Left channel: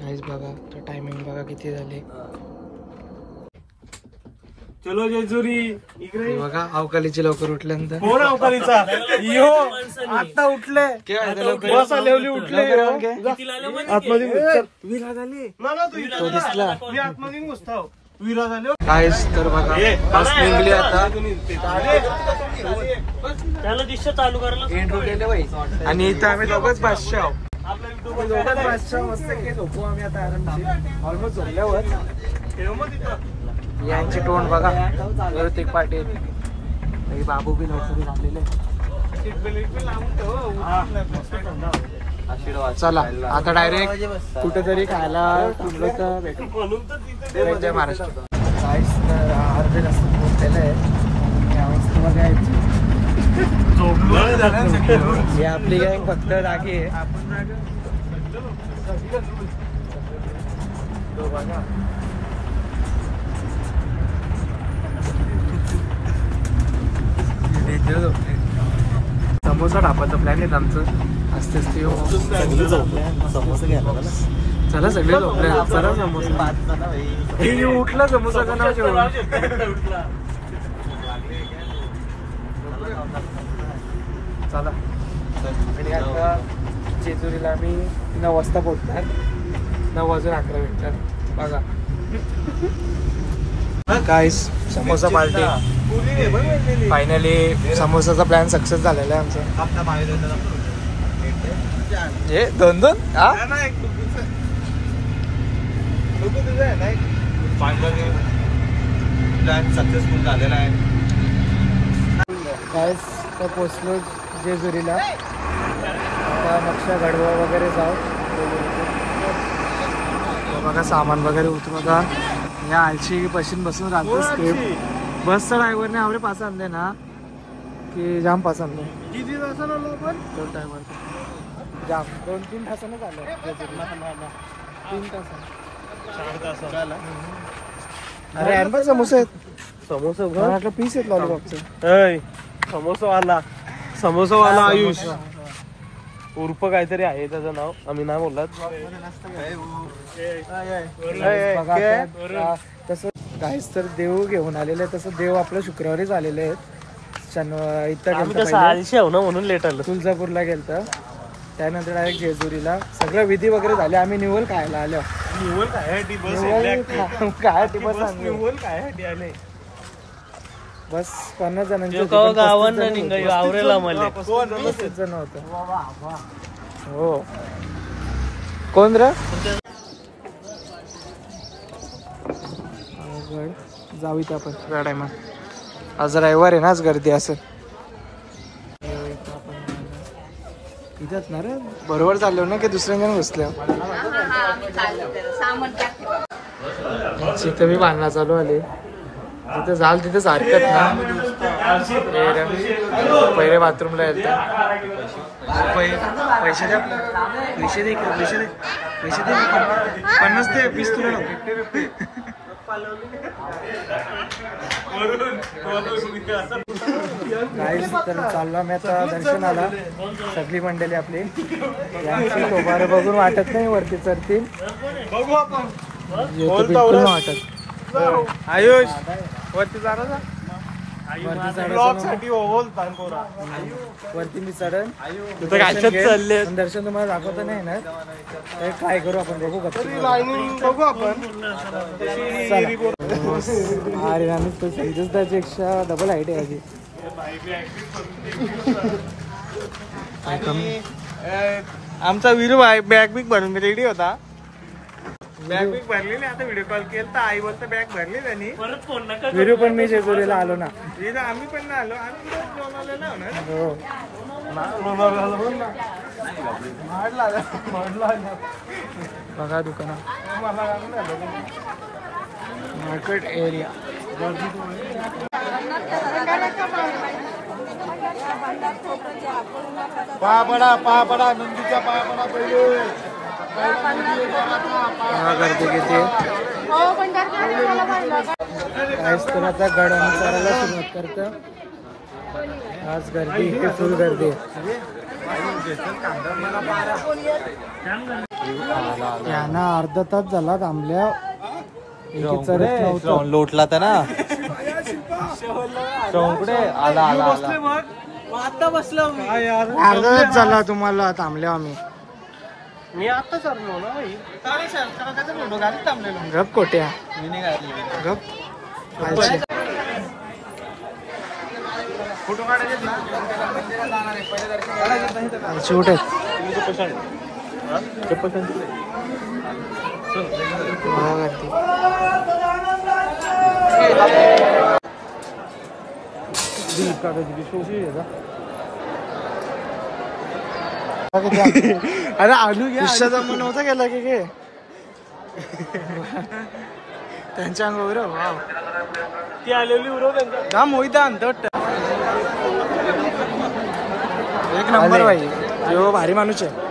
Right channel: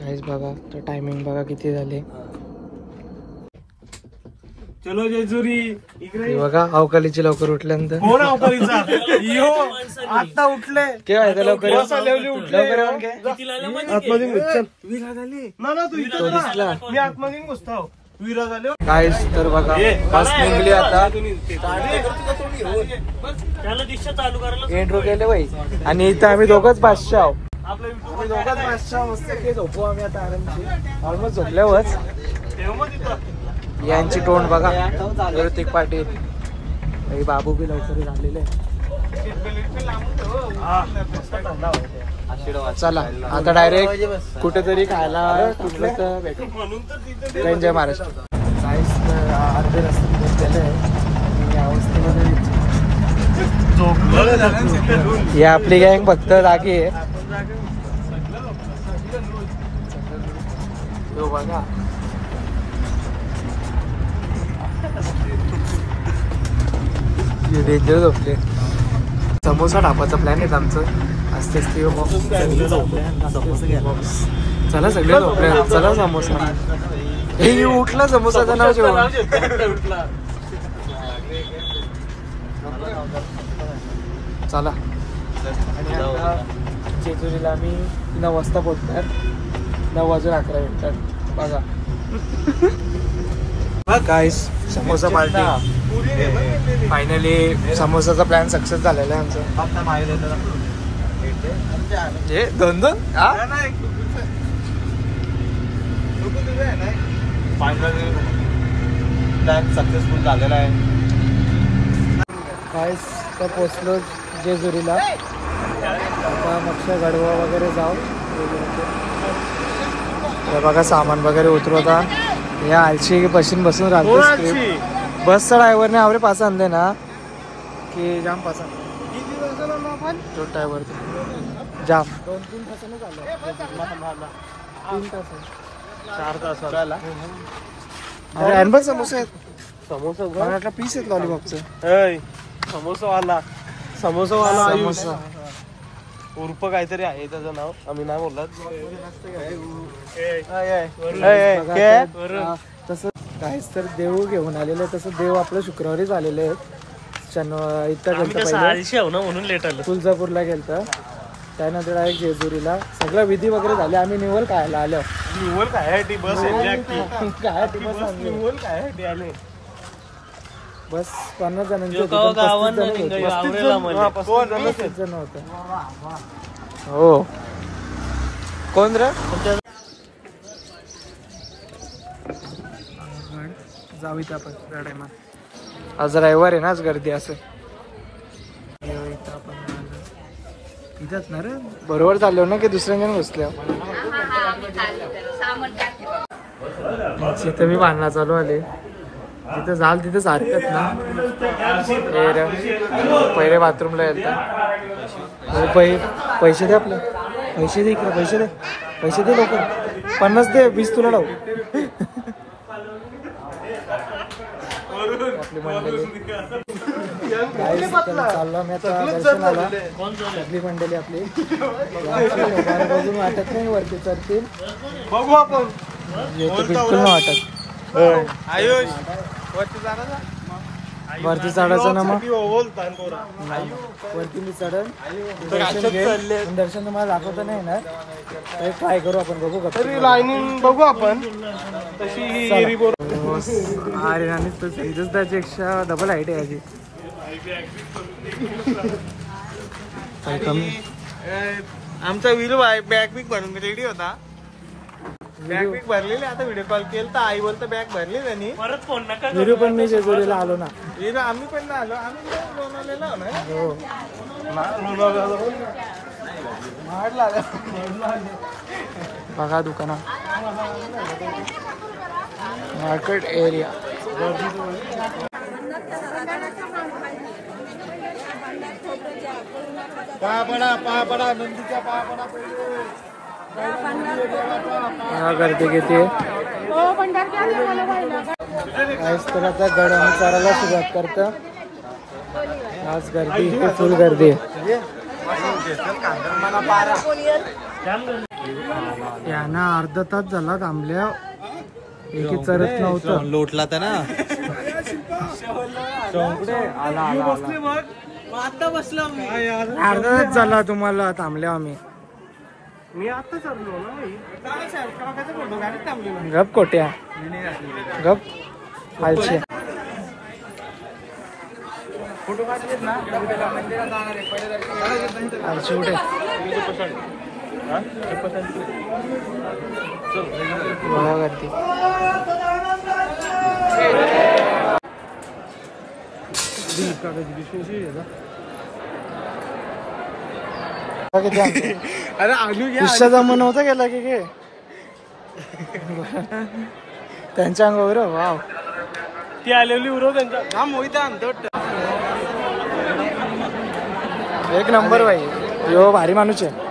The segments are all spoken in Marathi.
गाइस बघा तर टायमिंग बघा किती झाले. चलो जेजुरी इकडे बघा अवकालीची लवकर उठल्यानंतर. कोण अवकालीचा यो आता उठले लवकर तो दिसला. मी आतमध्ये घुसतो विरा झाले. गाइस तर बघा बस निघली आता. एंट्रो केले बाई आणि इथं आम्ही दोघंच बादशाह आहोत. आम्ही दोघंच बादशाह मस्त की झोपू आम्ही आता आरामशीर. ऑलमोस्ट झोपल्यावरच. यांची तोंड बघा ऋतिक पाटील काही बाबू बी लवकर झालेले. चला आता डायरेक्ट कुठेतरी खायला थांबलं तर भेटू. जय महाराष्ट्र. काहीच तर अर्धे रस्ते पोहोचलेले आहे आणि या अवस्थेमध्ये ही आपली गँग फक्त राखी आहे. बघा झोपले. समोसा ढापाचा प्लॅन आहे आमचं. असते असते समोसा घ्यायला. चला सगळे झोपले. चला समोसा. हे उठला समोसाचं नाव जेवण. चला आणि आता जेजुरीला आम्ही 9 वाजता पोहोचणार. 9 वाजून 11 मिनिटात. बघा गाइस समोसा पार्टी. फायनली समोसाचा प्लॅन सक्सेस झालेला आहे आमचा. हे 2-2 प्लॅन सक्सेसफुल झालेला आहे. गाइस तर पोचलो जेजुरीला. आता मगच्या गडवा वगैरे जाऊ. हे बघा सामान वगैरे उतरवता. या आलशी पशीन बसून राहतो. स्क्रिप्ट बसचा ड्रायव्हरने आवरे पास आणले ना की जाम पास आणले. तो ड्रायव्हर जाम 2-3 तासानच आलं. 3 तास 4 तासाला. अरे अनबन समोसा आहेत. समोसा मला वाटलं पीस आहेत लॉलीपॉपचं. समोसावाला समोसा उर्फ काहीतरी आहे त्याचं नाव. आम्ही नाव बोललात. तसं काहीच तर देव घेऊन आलेलं आहे. तसं देव आपलं शुक्रवारीच आलेले आहेत. इथं गेलं म्हणून लेट आलं. तुळजापूरला गेलं. त्यानंतर डायरेक्ट जेजुरीला. सगळं विधी वगैरे झाले. आम्ही निवल खायला आलो. निवल खायसाठी आले. बस 50 जणांची होती पण 35 जण होते. 35 जण होतं. हो कोण र जाऊ इथं आपण त्या टायमात. आज रविवार आहे ना. आज गर्दी असं. इथंच ना रे बरोबर चाललो ना की दुसऱ्या बसल्या. तिथं मी बांधला चालू आले. जिथं जाल तिथं सारखंच ना. पहिले बाथरूमला येतं. पैसे दे आपले. पैसे दे का. पैसे दे. पैसे दे लवकर. 50 दे. 20 तुला लावू. गाइस तर चाललो मी आता दर्शनाला. सगळी मंडळी आपली बघून वाटत नाही वरती चढतील. बघू आपण. येतो बिलकुल नाही वाटत. आयुष वरती चढायचं ना. मग वरती मी चढन दर्शन घेईल. पण दर्शन तुम्हाला दाखवता नाही ना. ट्राय करू आपण. बघू बघू आपण. अरे आणि तो सैजच त्याच्यापेक्षा डबल हाईट आहे. काय कमी. आमचा विरू बॅग बिग भरून रेडी होता. बॅग बिग भरलेली. आता व्हिडिओ कॉल केला तर आई बोलतो बॅग भरली त्यांनी. परत फोन नका. विरू पण मी जेजुरीला आलो ना. विरू आम्ही पण ना आलो. आम्ही लोणावळ्याला होणार. हो बघा दुकान. Market area. पाया पडा नंदीच्या पाया पडा पहिले. गर्दी किती आहे काहीच तर आता गड आणि चारायला सुरुवात करतं. आज गर्दी इथे फुल गर्दी आहे. यांना अर्धा तास झाला थांबल्या एकी चरत नव्हतं. लोटला तर ना आता बसलो अर्धा तास झाला तुम्हाला थांबल्या आम्ही. मी आता चाललो ना गप कोट्या गप आलचे. आलची कुठे बघा गर्दी. अरे आलू घ्या. रिक्षा जमून नव्हतं गेला की काय त्यांच्या अंगावर. वाव ती आलेली उरव त्यांच्या मोहित एक नंबर बाई. यो भारी माणूस आहे.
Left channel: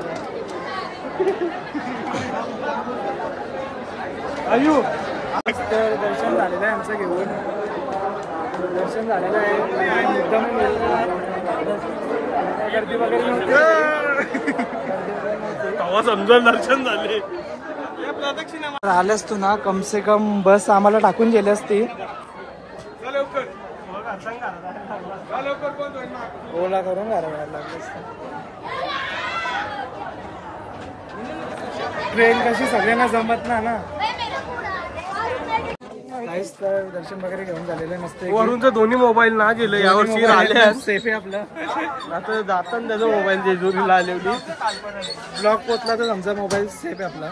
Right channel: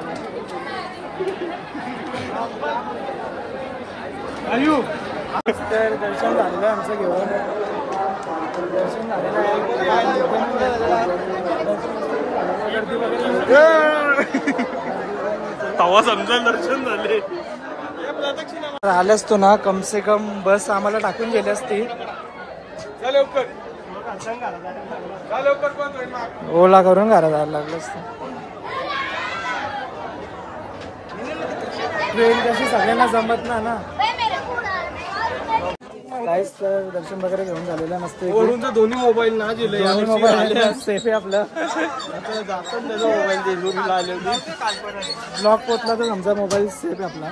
आयु तर दर्शन झालेलं आहे आमचं घेऊन. दर्शन झालेलं आहे मुद्दाम गर्दी वगैरे नव्हती. तवा समजा दर्शन झाले. आल्यास तो ना कम से कम बस आम्हाला टाकून गेली असती. ओला करून घरात जायला लागलं असतं. ट्रेन कशी सगळ्यांना जमत ना. काहीच तर दर्शन वगैरे घेऊन झालेलं नसतं. वरून तर दोन्ही मोबाईल ना गेले सेफ आहे आपलं. आता जातात मोबाईल जेजुरीला आलेली. ब्लॉक पोचला तर आमचा मोबाईल सेफ आहे आपला.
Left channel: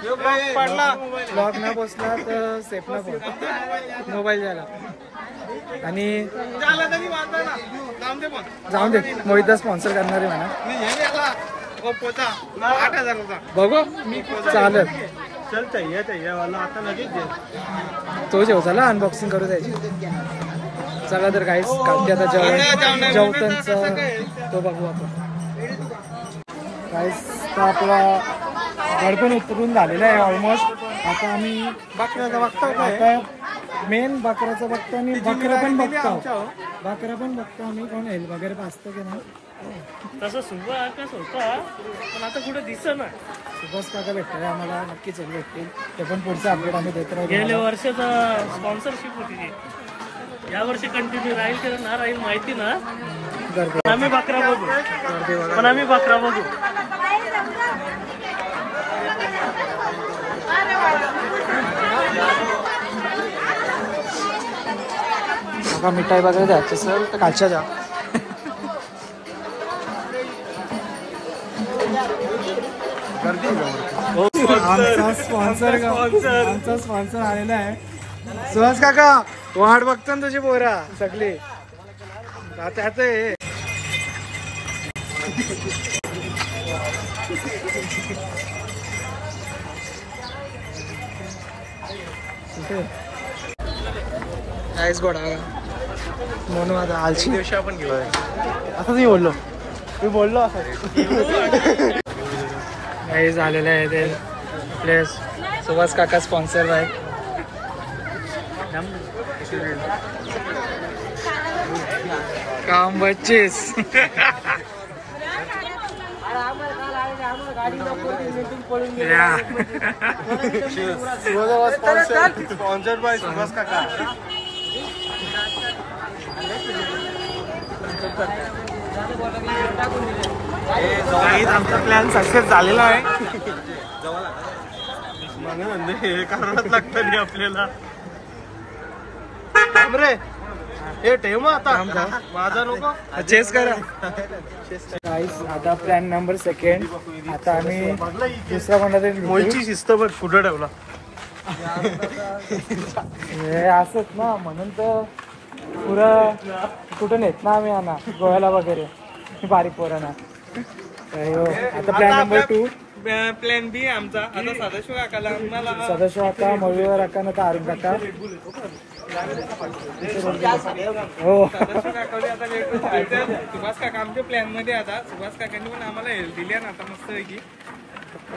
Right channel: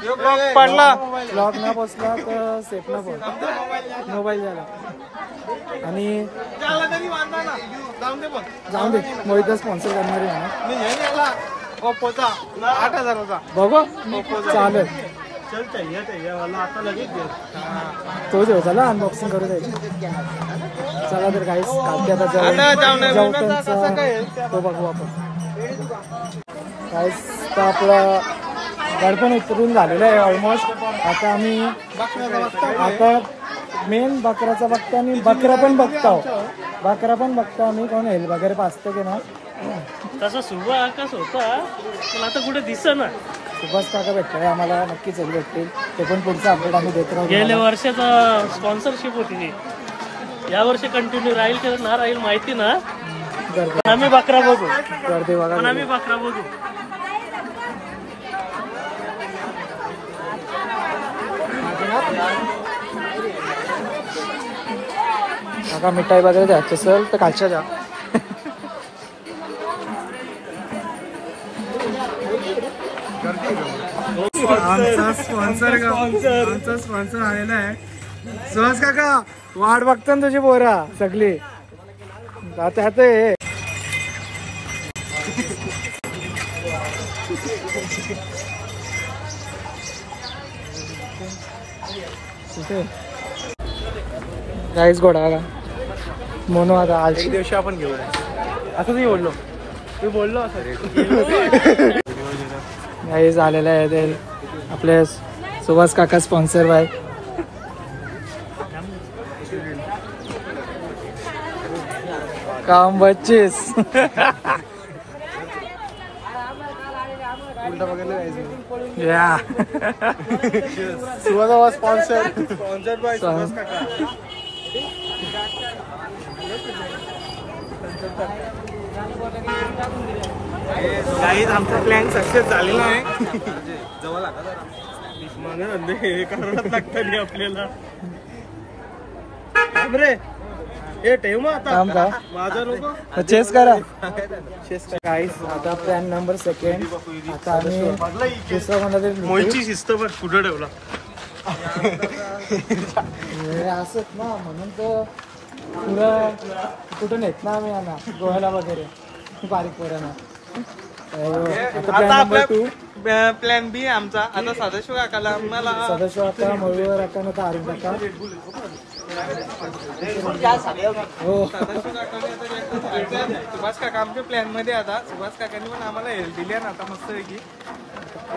पडला ब्लॉक न पोचला तर सेफ न पोच मोबाईल द्यायला. आणि जाऊन दे मोहितदा स्पॉन्सर करणारे म्हणा. ओप्पोचा 8,000चा बघू चालेल. चल चाहिए वाला आता लगेच दे. तो जेव चला अनबॉक्सिंग करू द्यायची. चला तर काहीच काढते आता जेवणाचा तो बघू आपण. काहीच तर आपला गडपण उतरून झालेला आहे ऑलमोस्ट. आता आम्ही आता मेन बकराचा बघतो आणि बकरा पण बघतो आम्ही. कोण हेल वगैरे पाचतो की ना तसा सुभाष होता पण आता कुठे दिसत ना. सुभाष काका भेटतोय आम्हाला. नक्कीच भेटतील. ते पण पुढचं अपडेट आम्ही देत राहू. गेल्या वर्षाचा स्पॉन्सरशिप होती. या वर्षी कंटिन्यू राहील की ना राहील माहिती ना. गर्दी आम्ही बकरा बघू गर्दी पण बघा. आम्ही बकरा बघू. काका मिठाई वगैरे द्यायचं असेल तर कालच्या द्या. आमचा स्पॉन्सर आलेला आहे. सुहास काका वाट बघतो ना तुझी पोरा सगळी. आता काहीच गोडा का म्हणून आता आलची दिवशी आपण घेऊ. असंच मी बोललो. मी बोललो असं. काही झालेलं आहे ते आपले सुभाष काका स्पॉन्सर बाय. काम बच्चीस या स्पॉन्सर बाय सुभाष काका. आमचा प्लॅन सक्सेस झालेला आहे. हे करायलाच लागतं नाही आपल्याला. रे हे ठेव मग आता माझा नको चेस करा. काहीच आता प्लॅन नंबर 2. आता आम्ही दुसरा कोणता तरी मोहितची शिस्त बघ कुठं ठेवला. हे असत ना म्हणून तर पुरं कुठं नेत ना आम्ही गोव्याला वगैरे बारीक पोरांना. आता प्लॅन नंबर 2 प्लॅन बी आमचा आता सदाशिव काकाला आम्हाला सदाशिव काका, मयूर काका, नका अरुण काका. हो सदाशिव काकाने आता सुभाष काका आमच्या प्लॅन मध्ये आता सुभाष काकांनी पण आम्हाला हेल्प दिली ना आता मस्त पैकी.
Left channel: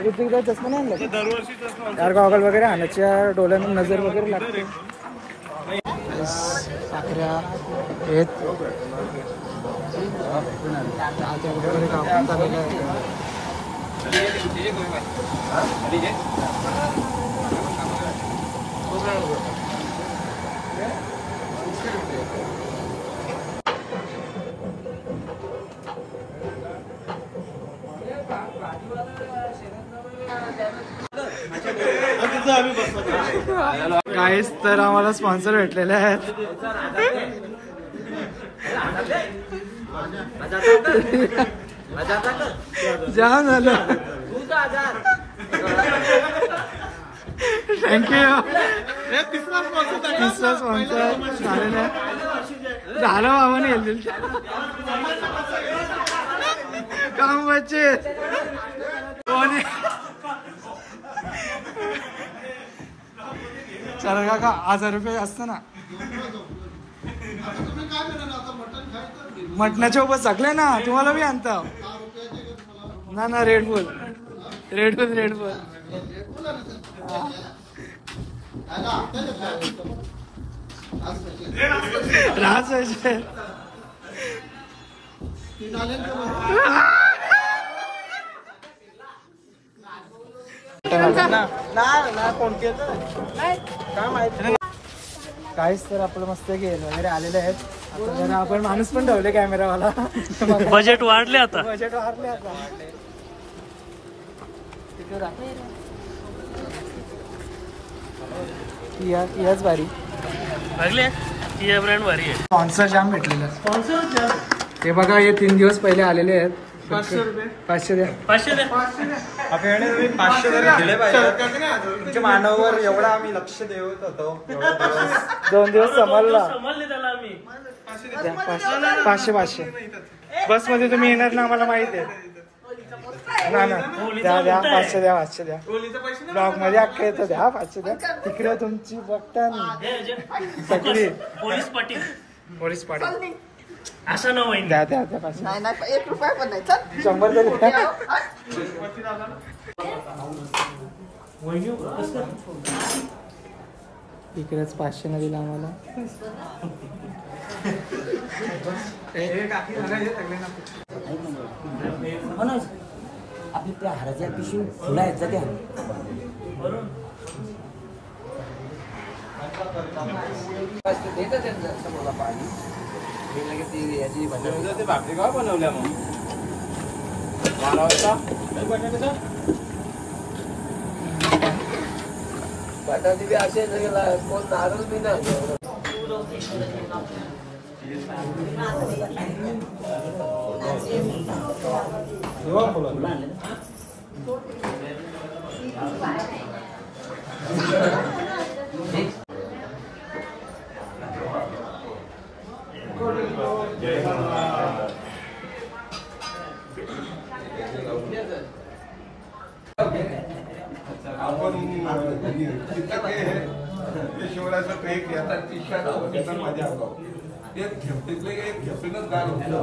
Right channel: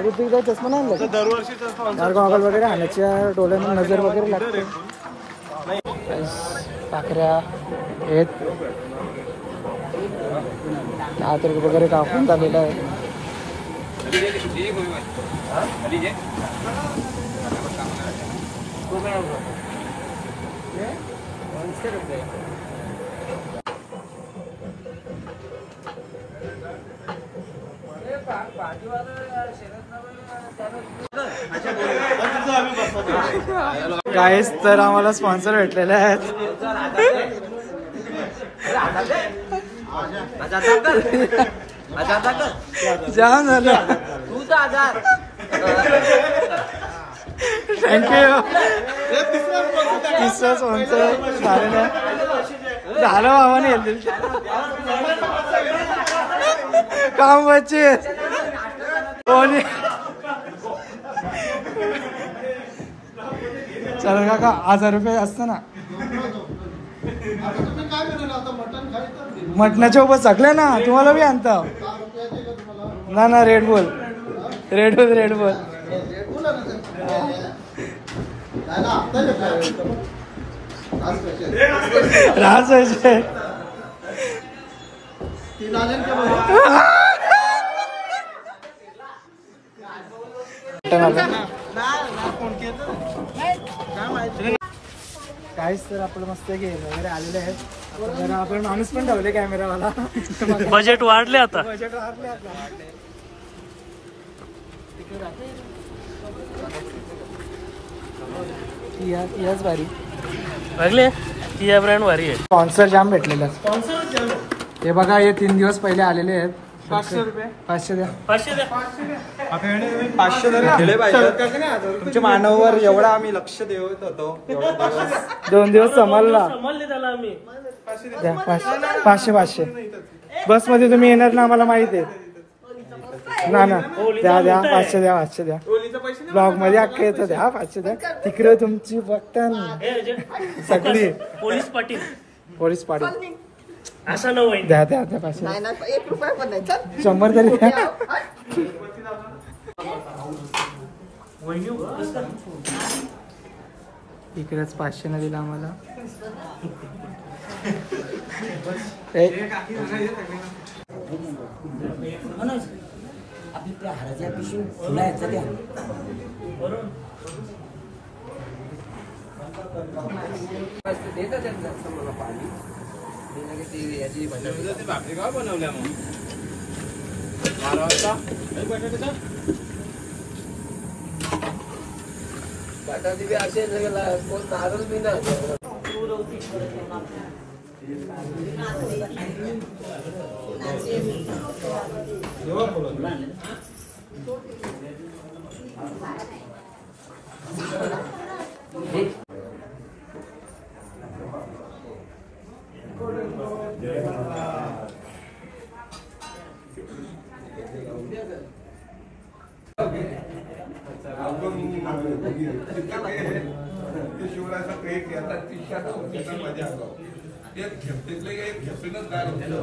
ऋतिकदा चष्मा नाही आणला दरवर्षी यार, गॉगल वगैरे आणायच्या डोळ्यांना नजर वगैरे लागते. साखऱ्या आहेत आतल वगैरे कापून झालेलं आहे. गाईस तर आम्हाला स्पॉन्सर भेटलेले आहेत. जाम झालं, थँक्यू. तिसरा स्पॉन्सर झालेलं आहे. झालं बाबाने हेल्थ काम बच्चे चल काका 1000 रुपये असतं ना. मटणाच्या उभं सगळे ना तुम्हाला बी आणता ना. रेड बुल राज काहीच तर आपलं मस्त गेम वगैरे आलेले आहेत. आता जरा आपण माणूस पण ठेवले कॅमेरावाला. बजेट वाढले आता. याच भारी लागले किया ब्रँड भारी आहे. स्पॉन्सर जाम भेटलेला. हे बघा हे 3 दिवस पहिले आलेले आहेत. 500 द्या. तुमच्या मानवावर एवढा आम्ही लक्ष देत होतो. 2 दिवस समजला. समजले त्याला आम्ही 500 बस मध्ये तुम्ही येणार ना आम्हाला माहिती आहे ना. द्या 500 द्या. ब्लॉग मध्ये अख्खे येतं द्या 500 द्या. तिकडे तुमची बघता पोलीस पाटील असं न होईल. द्या. नाही 1 रुपया पण नाही. चल 100 तरी इकडेच 500 न दिला आम्हाला. आपली त्या हाराच्या पिशवी फुला यायचा त्या भाकरी गाव बनवल्या मग 12 वाजता बटाटी बी असे कोण नारळ बी नाही. शिवराचा ट्रेक घेतात 30 माझ्या एक घेतले एक घेतूनच गाल होतं.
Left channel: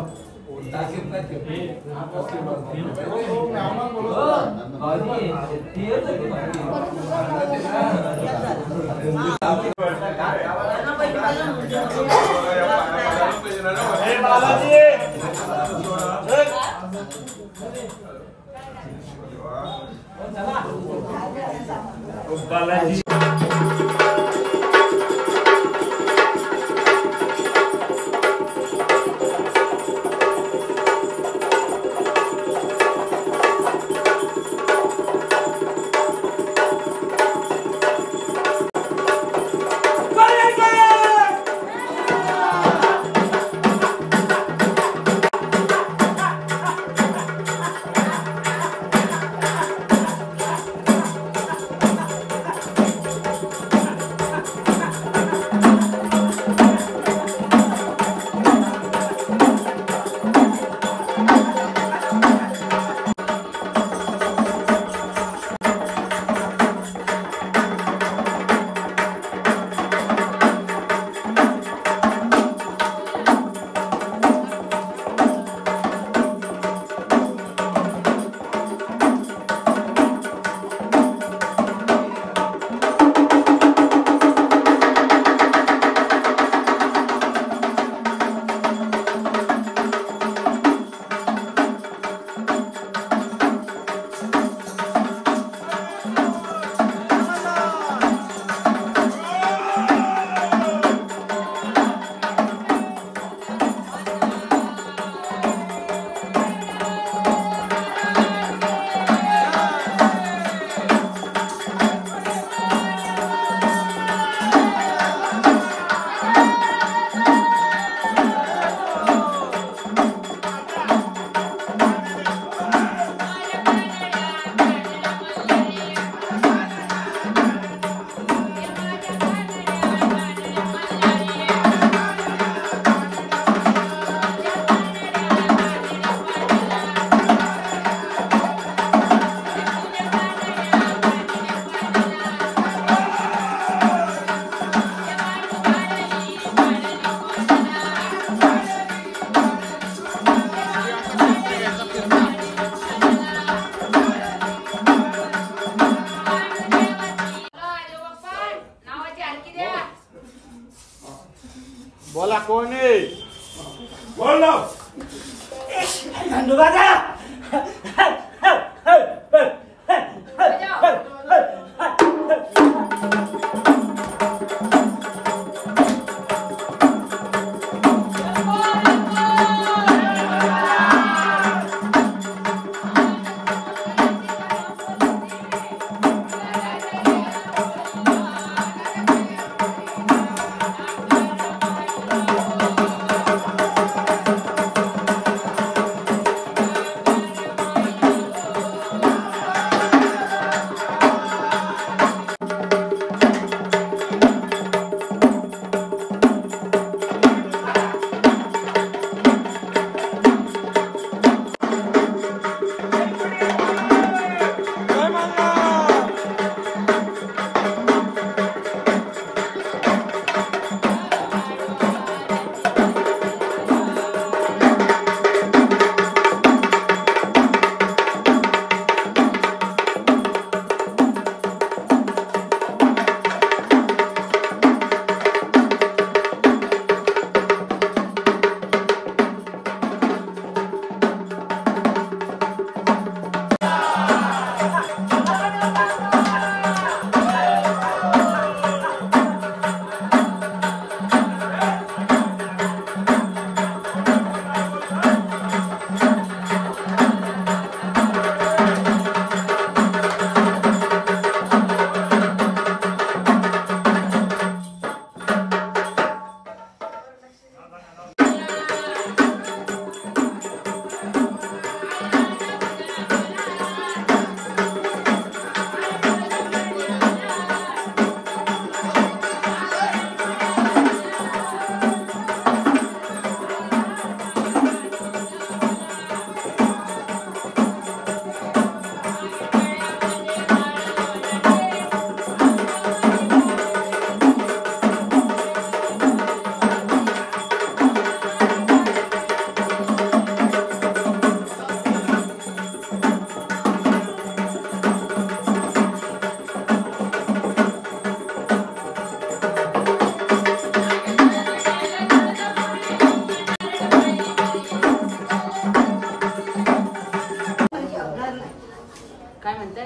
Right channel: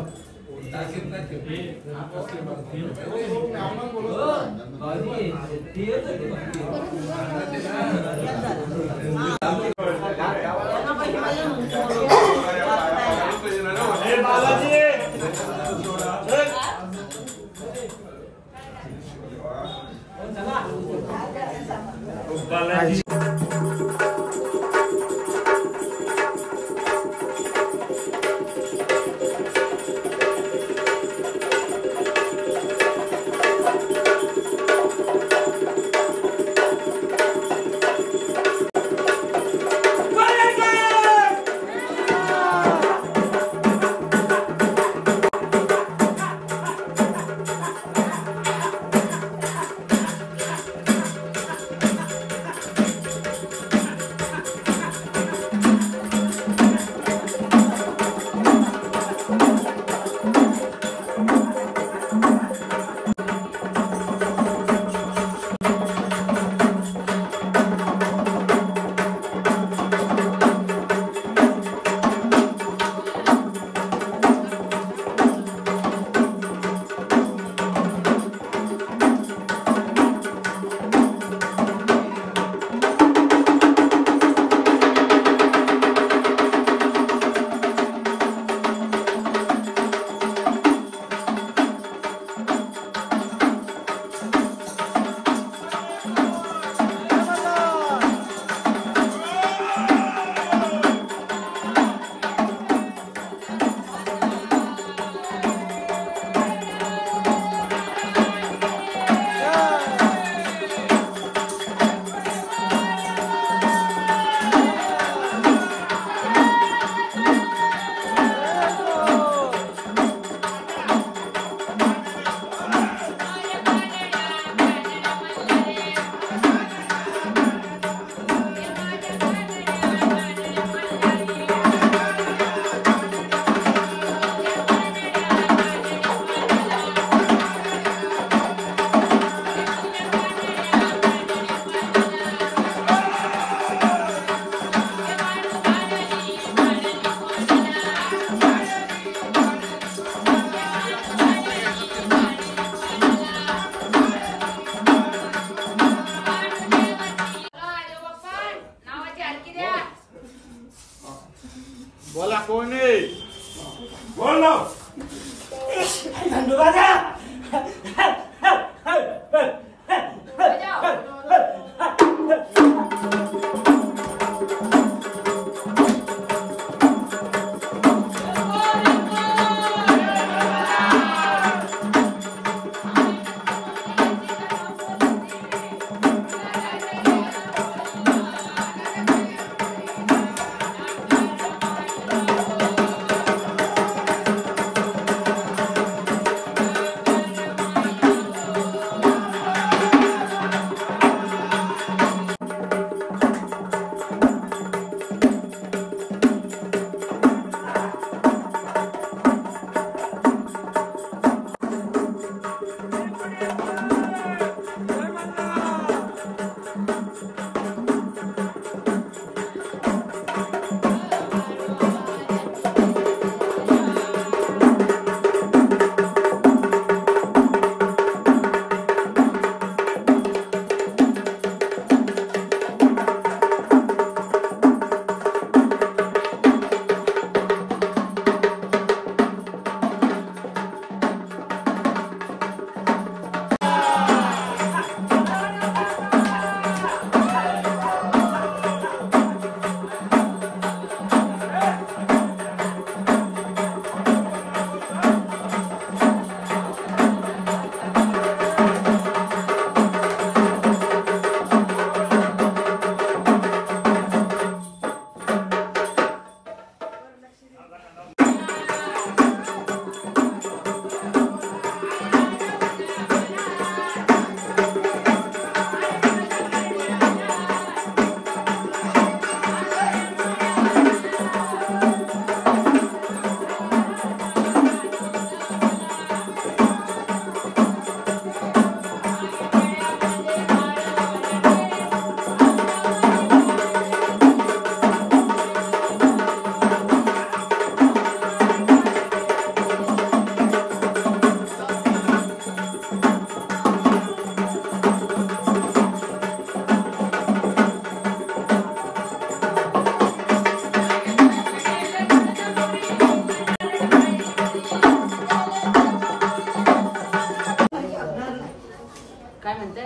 काय म्हणताय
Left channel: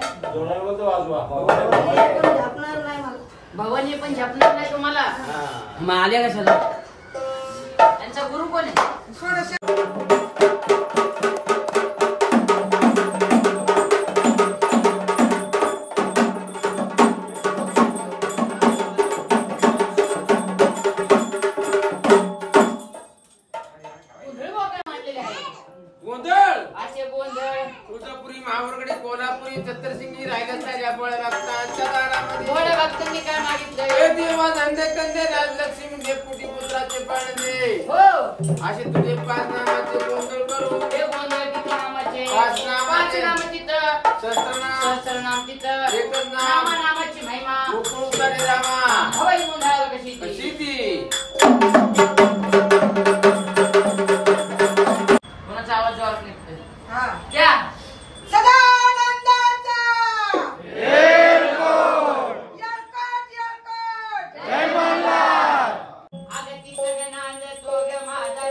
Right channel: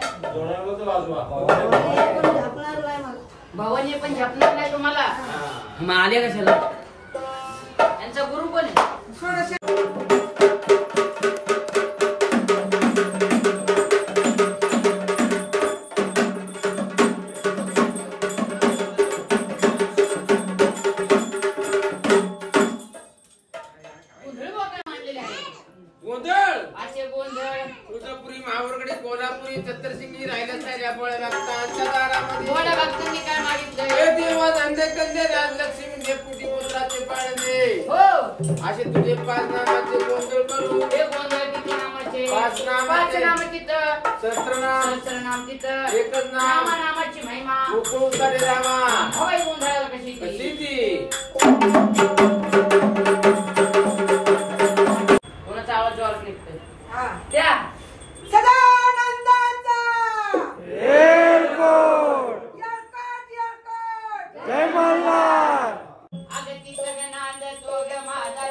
भवानी पण झपणार नाही तुम्हाला मग आल्या कशाला त्यांचा गुरु कोण आहे असे तुझे 5 नामाचे गोंधळ करू हे गोंधळ किती नामाचे 5 नामाचे तिथं सहस्रनाम तिथं एकच नाम नामाची महिमा उपकारी रामा हवाई गोंधळाला कशी ती कोणाचा आवाज जोरात निघतोय त्या जय मल्हार आगती सगळ्यांना तो ग माझा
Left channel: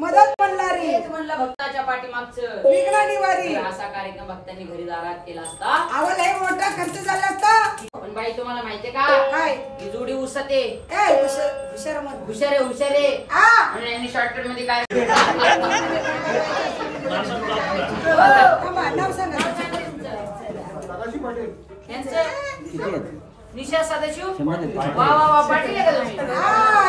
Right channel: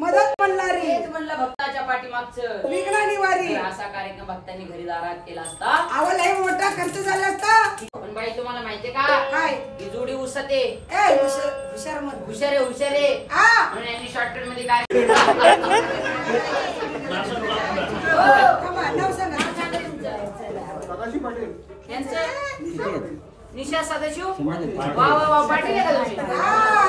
मदत म्हणणारी म्हणलं भक्ताच्या पाठीमागचं विघ्न निवारी असा कार्यक्रम भक्तांनी घरी दारात केला असता आवलही मोठा खर्च झाला असता पण बाई तुम्हाला माहितीये का काय ही जोडी उसते हुशारे आणि यांनी शॉर्टकट मध्ये काय नाव सांगा निशा सदाशिव वा वा वा पाटील आहे का तुम्ही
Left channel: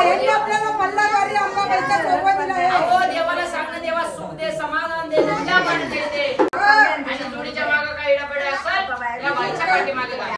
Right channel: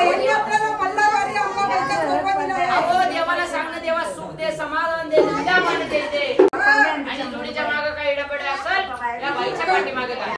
यांनी आपल्याला मल्हारवाडी अंबाबाईचा कोपा दिला आहे अहो देवाला सांगणं देवा सुख दे समाधान दे नंद्या मान दे आणि जोडीच्या मागे काही इडापड असेल या बाईच्या पाठीमागे काय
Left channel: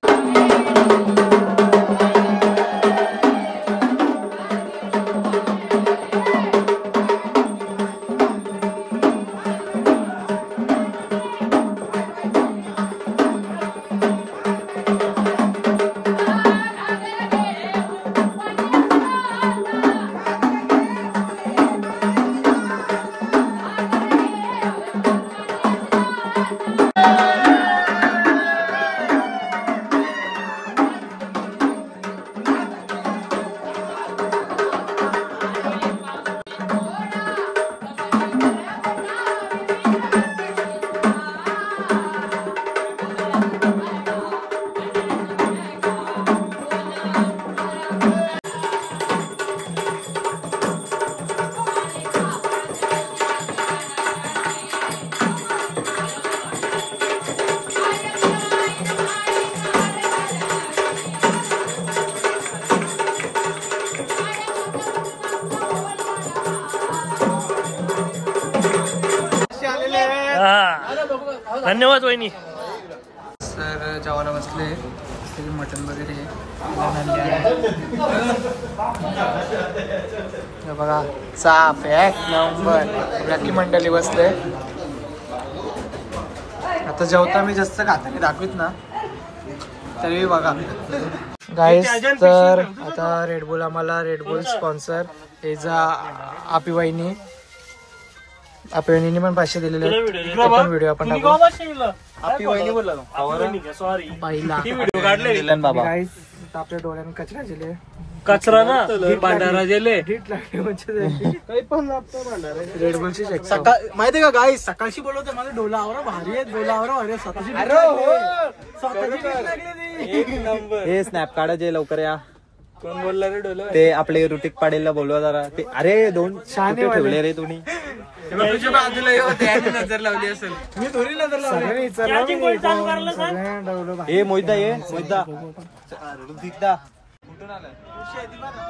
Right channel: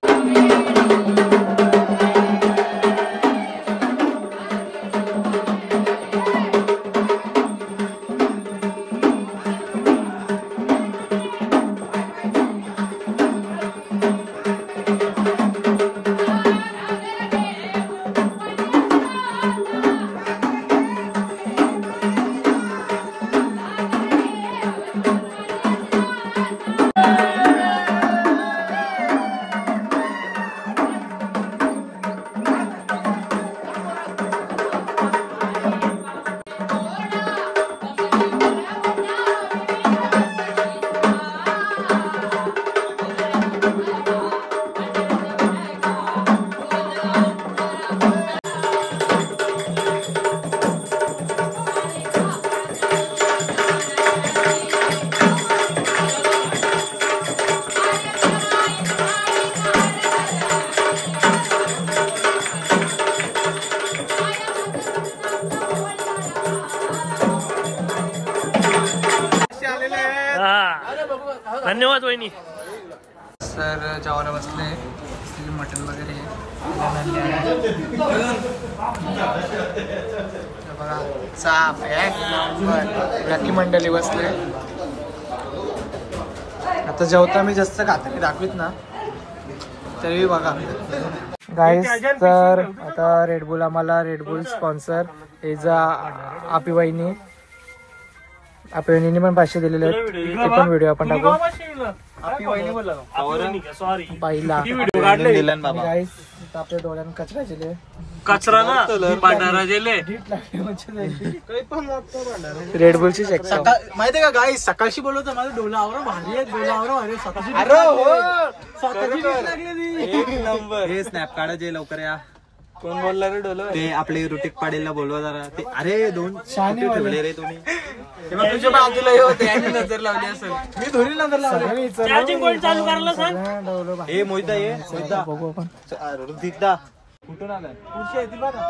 धन्यवाद वहिनी. तर जेवायला बसले मटन वगैरे बघा साफ एक नंबर राखी मंडळी बसले. आता जेवता मी जास्त खाता मी दाखवीत ना तरी बघा गाईस. तर आता रेडबुल आम्हाला रेडबुल स्पॉन्सर हे जा आपी वहिनी पण 500 दिलेले आहेत. ते पण व्हिडिओ आपण टाकू. सॉरी पहिला व्हिडिओ काढले गाईस आपल्या डोळ्यानं कचरा गेले कचरा ना पांढरा गेले रेड बुलची चेक माहितीये का गाई सकाळशी बोलवतो माझ्या डोलावर भारी आहे डोलावर भारी हे स्नॅप काढा जे लवकर या कोण बोलला रे डोलो ते आपले रुटीक पाडेलला बोलवा जरा ते अरे 2 शहाणे कुठे ठेवले रे तुम्ही तुझ्या बाजूला होते आणि नजर लावली असेल मी थोडी नजर लावली हे मोहिता ये मोहिता बघू आपण ऋतिकदा कुठून आला खुशी आहे ती बघा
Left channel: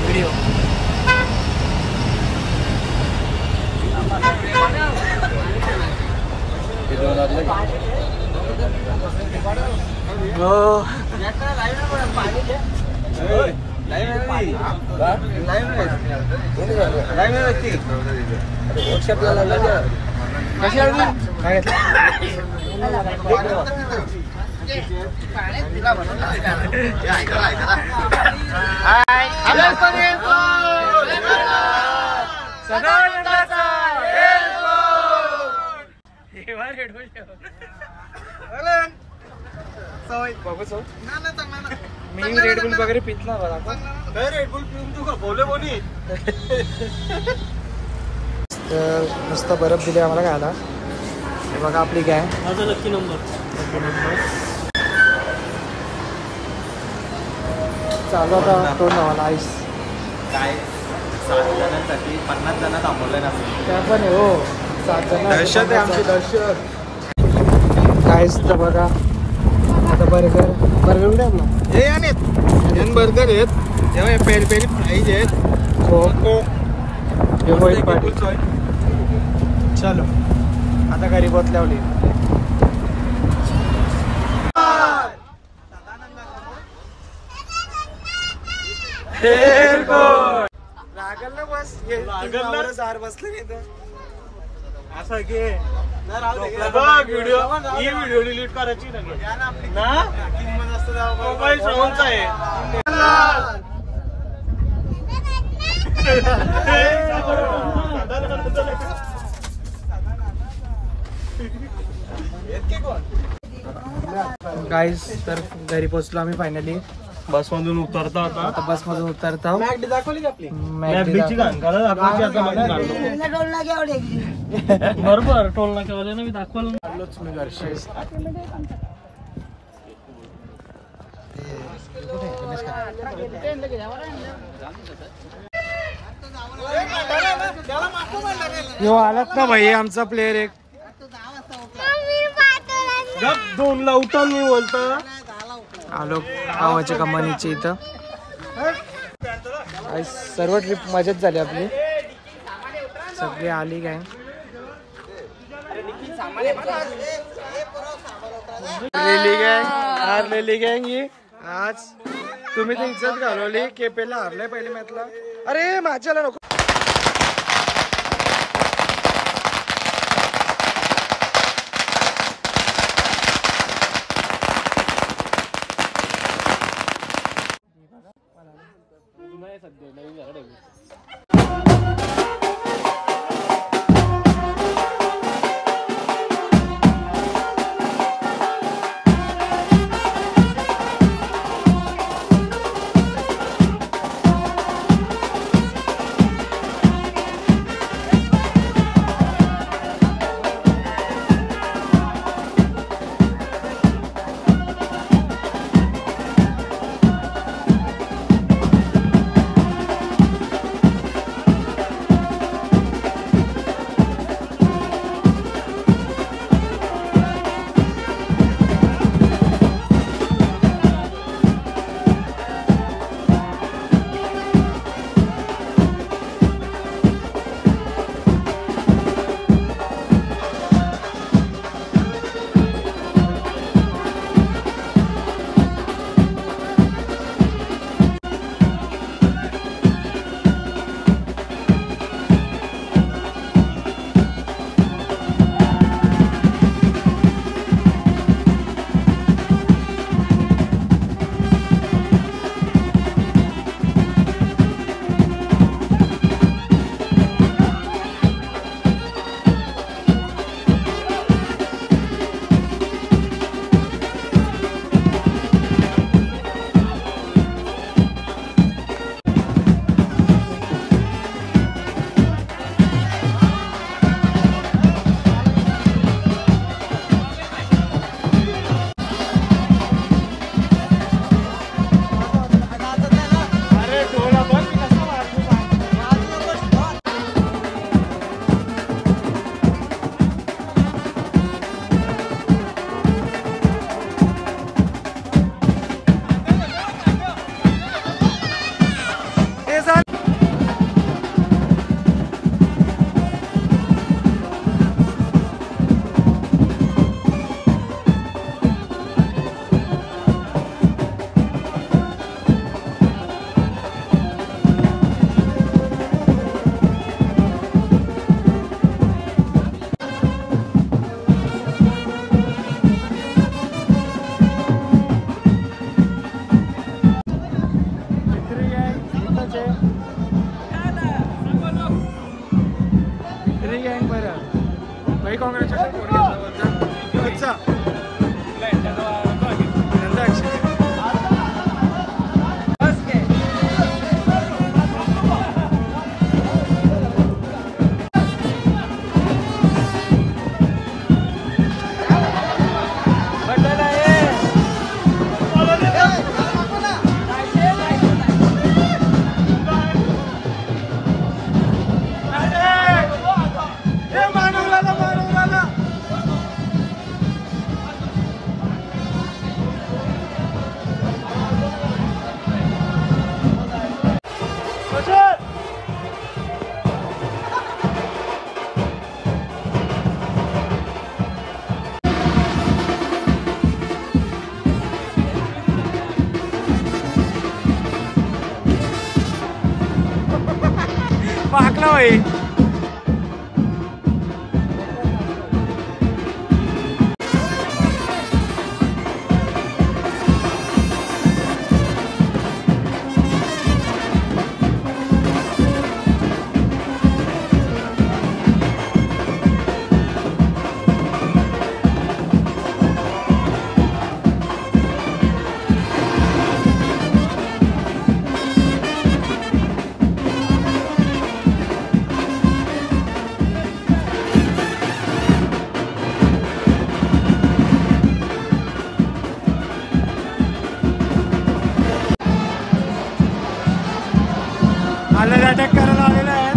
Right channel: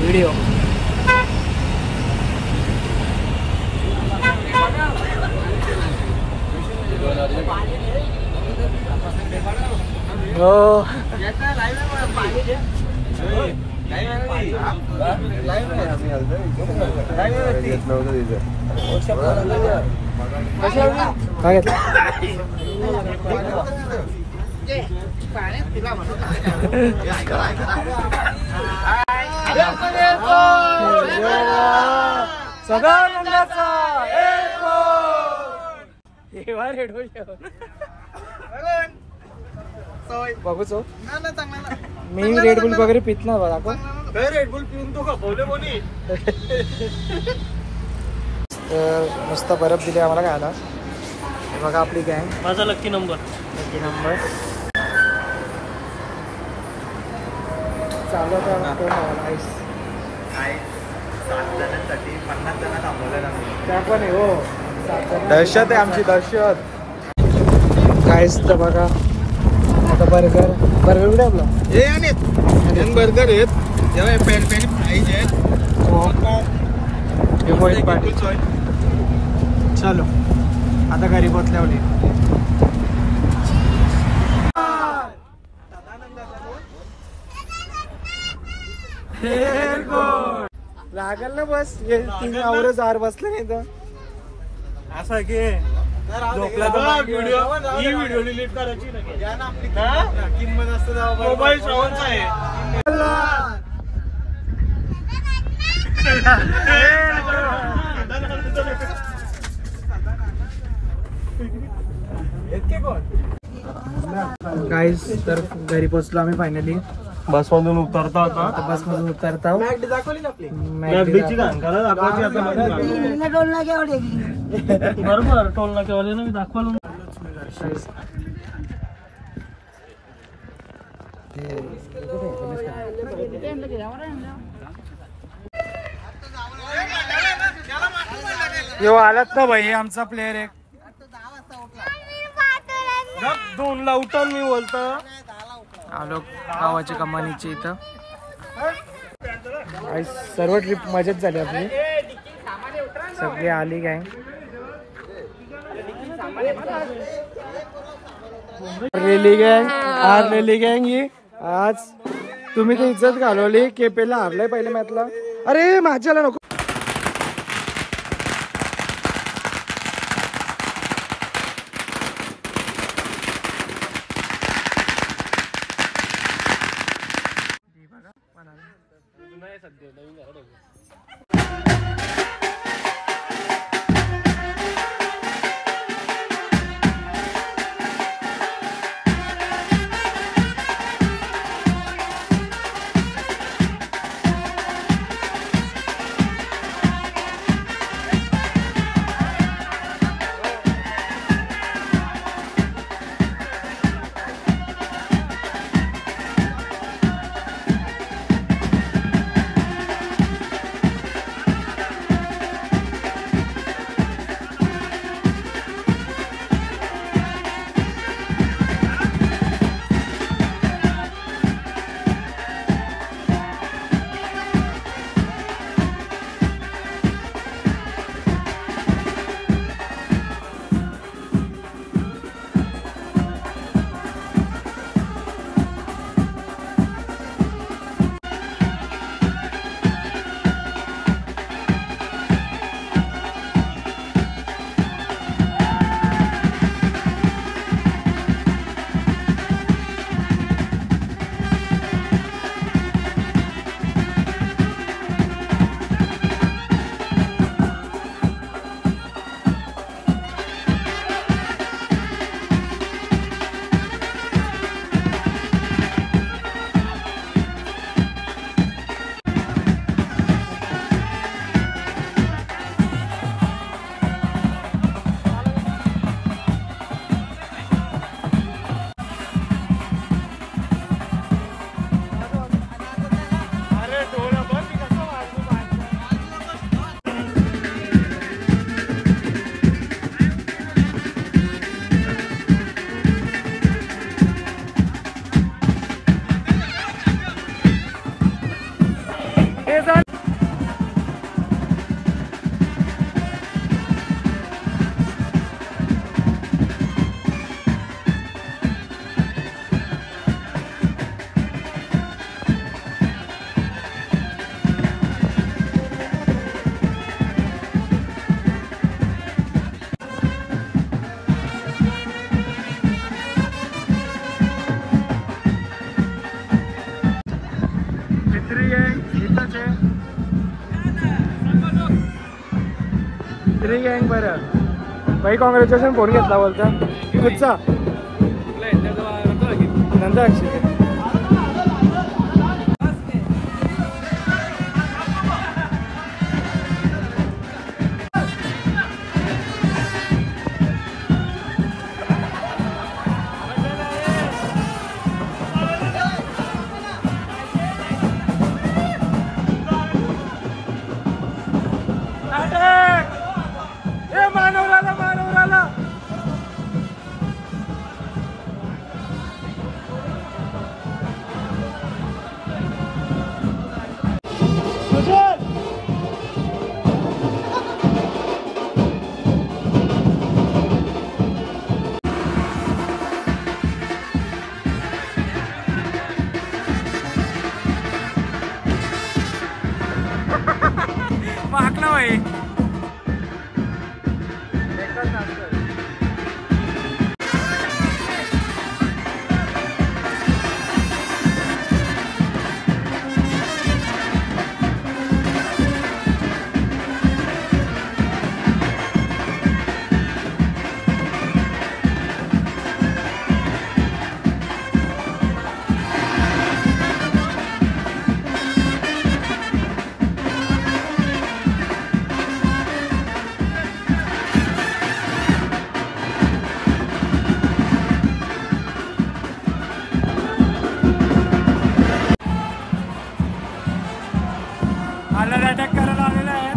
व्हिडिओ हो काय बघू चौ मी रेड बुल वगैरे पित ना बघा आपण रेड बुल पिऊन तो का बोले बोली तर नुसता बर्फ दिले आम्हाला खायला हे बघा आपली गँग माझा लकी नंबर चालू आता तोड नावाला आईस काय 7 जणांसाठी 50 जण थांबवलं आम्ही त्या पण आहे हो 7 जण दहशत आहे आमची दहशत काहीच तर बघा आता बर्गर कुठे आपला हे आणि 2 बर्गर आहेत तेव्हा पेरी पेरी फ्राईज आहेत हो हे मोहित पाटील चलो आता घरी पोचल्यावली लागल ना बस जार बसले नाही तर असं की व्हिडिओ ही व्हिडिओ डिलीट करायची किंमत असतं मोबाईल श्रवणचा आहे गाईस तर घरी पोचलो आम्ही फायनली बस मधून उतरता होता आता बस मधून उतरता मॅगडी दाखवली का आपली मॅगडीची घाणकाला दाखवायची आता बरोबर टोल नाक्यावाले मी दाखवलं यो आलात ना भाई आमचा प्लेअर एक 2 ला उठवून मी बोलतो आलो गावाच्या कंपनीच्या इथं सर्व ट्रिप मजाच झाली आपली सगळी आली गँग रेली गँग ही आज तुम्ही ती इज्जत घालवली केपेला हारलाय पहिल्या मॅचला अरे माझ्याला नको हे झालं. भाई कॉंग्रॅच्युलेशन. फोन घेतला बोलता अच्छा नंतर माकला भाई आला अटॅक करायला आलेला आहे.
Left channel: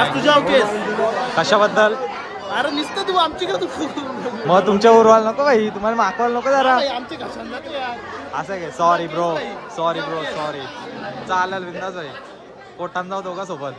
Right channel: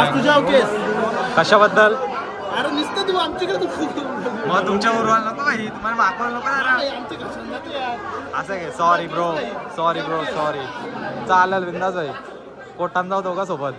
आज तुझ्या केस कशाबद्दल? अरे नुसतं तू आमच्याकडे मग तुमच्या उरवाल नको भाई, तुम्हाला मागवाल नको जरा. आमचे घशान जाते यार. असं घे. Sorry bro, sorry bro, sorry. चालेल बिंदास आहे. पोटान जाऊ दोघा सोबत.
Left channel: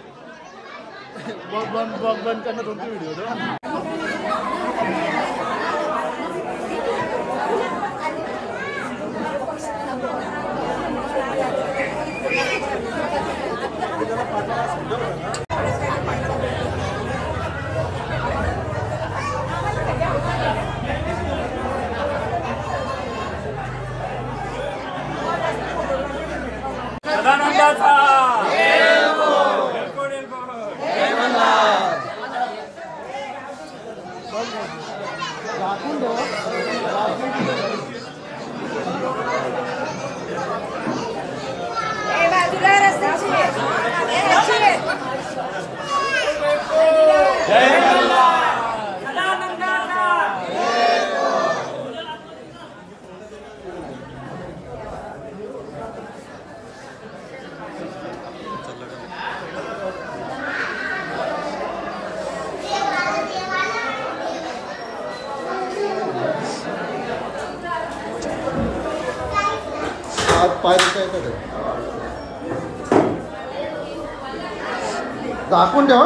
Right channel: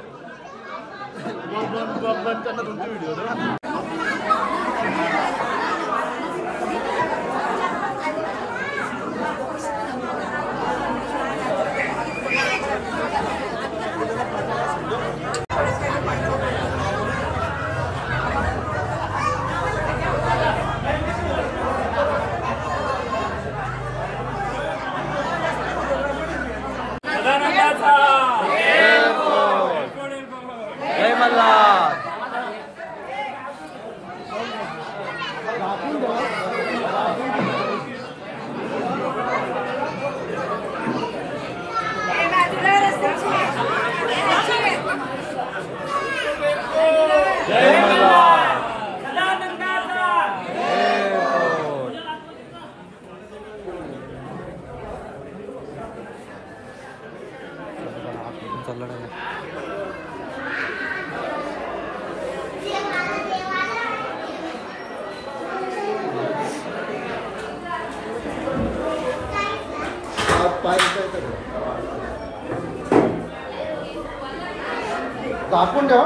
दाखवून ठेवा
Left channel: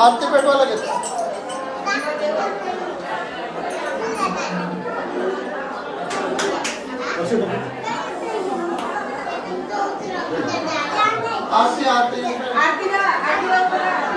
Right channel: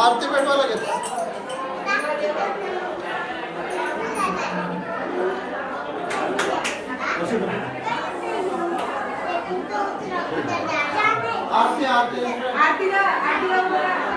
आरती पेटवा लागेल. आरती आरती आरती